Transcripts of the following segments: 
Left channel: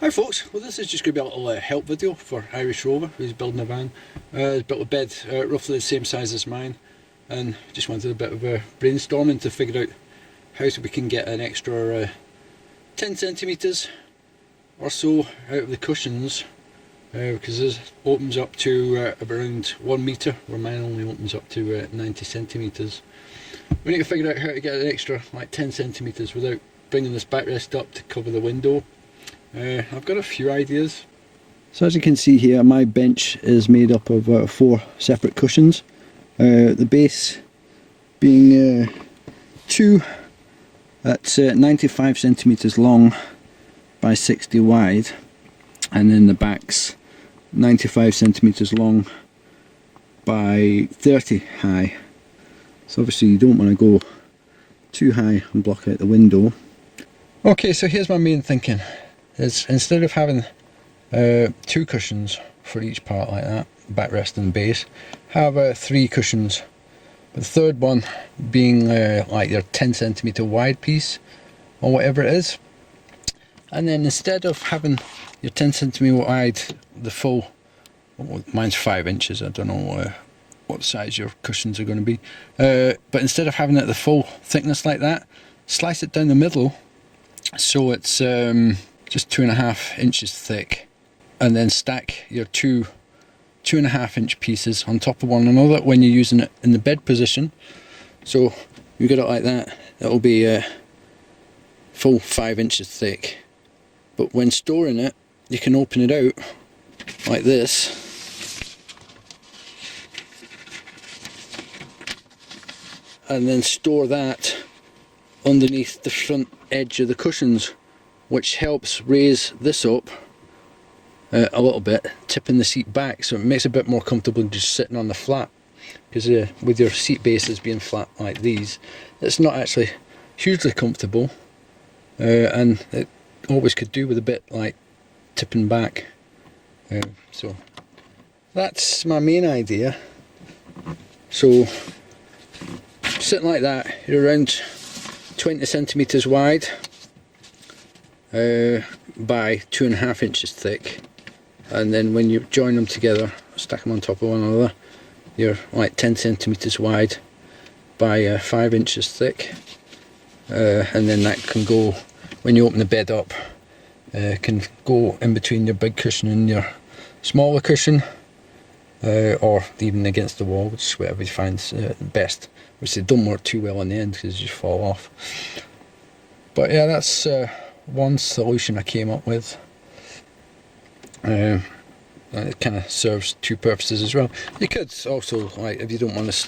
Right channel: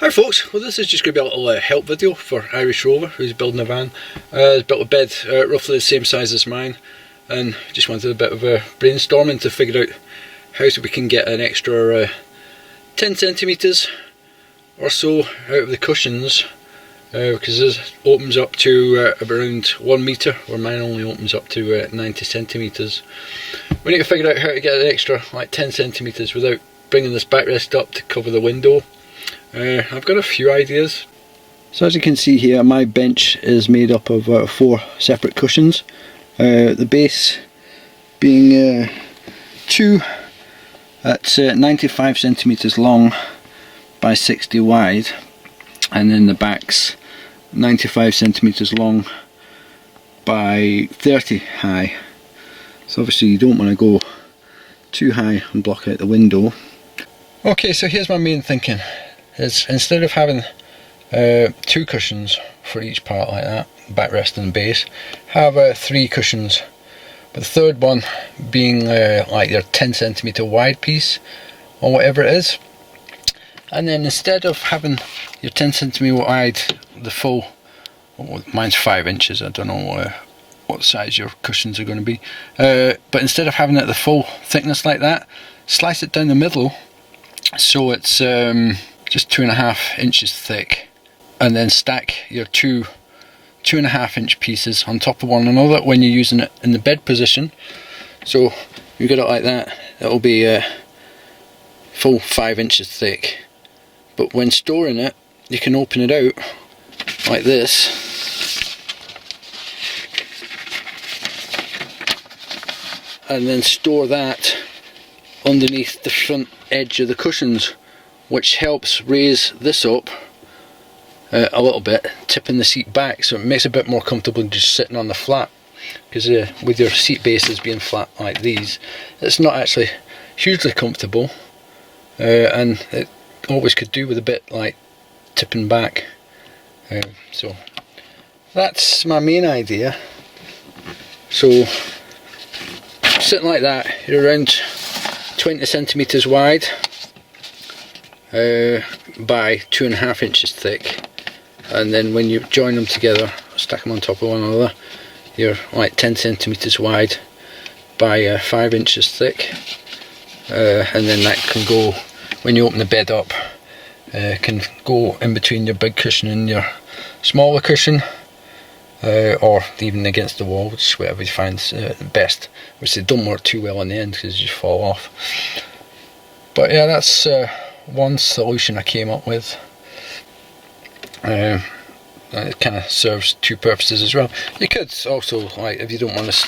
Hi folks, well this is just going to be a little help video for IRISHROVER, who's building a van. He's built a bed roughly the same size as mine, and just wanted a bit of brainstorming to figure out how we can get an extra 10 centimetres or so out of the cushions, because this opens up to around 1 metre, where mine only opens up to 90 centimetres. We need to figure out how to get an extra like 10 centimetres without bringing this backrest up to cover the window. I've got a few ideas. So as you can see here, my bench is made up of 4 separate cushions. The base being 2 that's 95 centimeters long by 60 wide, and then the back's 95 centimeters long by 30 high. So obviously you don't want to go too high and block out the window. Okay, so here's my main thinking. Is instead of having 2 cushions for each part like that, backrest and base, have 3 cushions, but the third one being like your 10 centimeter wide piece or whatever it is. And then instead of having your 10 centimeter wide, the full, well, mine's 5 inches, I don't know what size your cushions are going to be, but instead of having it the full thickness like that, slice it down the middle so it's just 2.5 inches thick, and then stack your 2.5 inch pieces on top of one another when you're using it in the bed position. So you get it like that, it'll be full 5 inches thick. But when storing it, you can open it out like this, and then store that underneath the front edge of the cushions, which helps raise this up a little bit, tipping the seat back, so it makes it a bit more comfortable than just sitting on the flat. Because with your seat bases being flat like these, it's not actually hugely comfortable, and it always could do with a bit like tipping back. So that's my main idea. So sitting like that, you're around 20 centimeters wide by 2.5 inches thick, and then when you join them together, stack them on top of one another, you're like 10 centimeters wide by 5 inches thick, and then that can go, when you open the bed up, can go in between your big cushion and your smaller cushion, or even against the wall, which is whatever you find best, which they don't work too well in the end because you just fall off. But yeah, that's one solution I came up with. It kind of serves 2 purposes as well. You could also, like, if you don't want to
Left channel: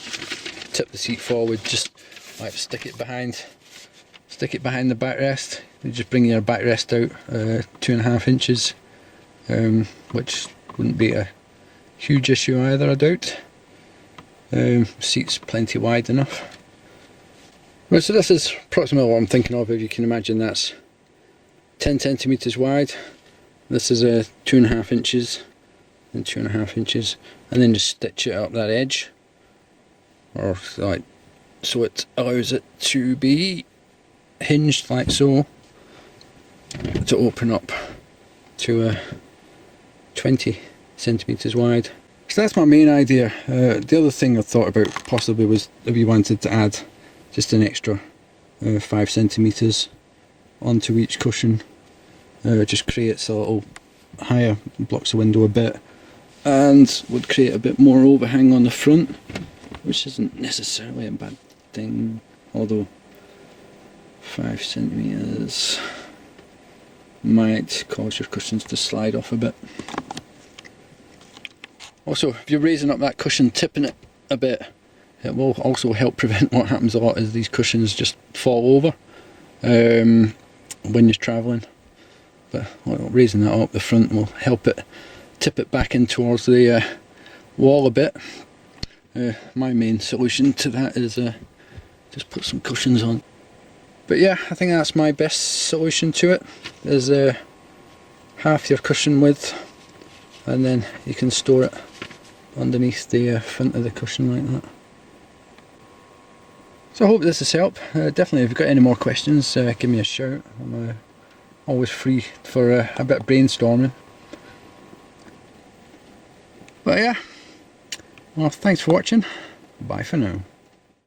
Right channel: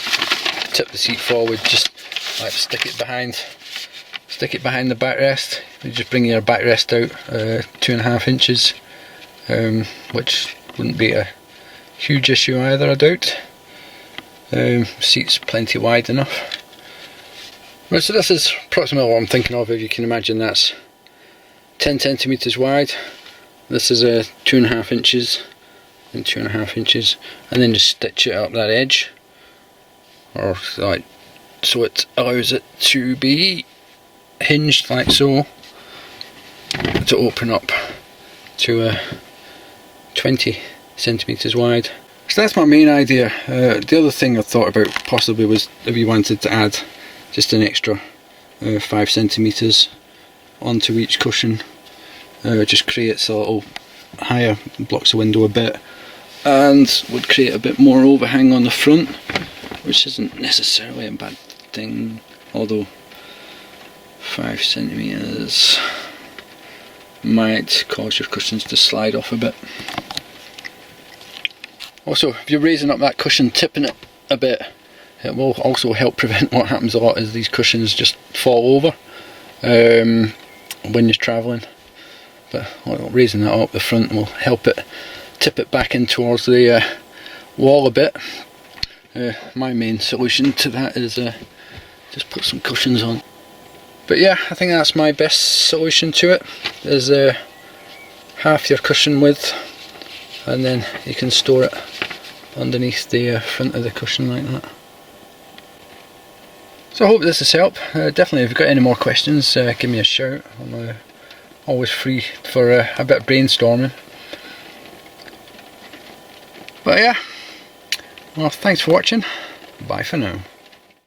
tip the seat forward, just like stick it behind the backrest. You just bring your backrest out 2.5 inches, which wouldn't be a huge issue either, I doubt. Seat's plenty wide enough. Right, so this is approximately what I'm thinking of. If you can imagine, that's 10 centimeters wide. This is 2.5 inches and 2.5 inches, and then just stitch it up that edge, or like so it allows it to be hinged like so, to open up to 20 centimeters wide. So that's my main idea. The other thing I thought about possibly was if you wanted to add just an extra 5 centimeters onto each cushion, just creates a little higher, blocks the window a bit, and would create a bit more overhang on the front, which isn't necessarily a bad thing, although 5 centimeters might cause your cushions to slide off a bit. Also, if you're raising up that cushion, tipping it a bit, it will also help prevent what happens a lot, is these cushions just fall over when you're travelling. But raising that up the front will help it tip it back in towards the wall a bit. My main solution to that is just put some cushions on. But yeah, I think that's my best solution to it, is half your cushion width, and then you can store it underneath the front of the cushion like that. So I hope this has helped. Definitely if you've got any more questions, give me a shout. I'm always free for a bit of brainstorming. But yeah, well, thanks for watching. Bye for now.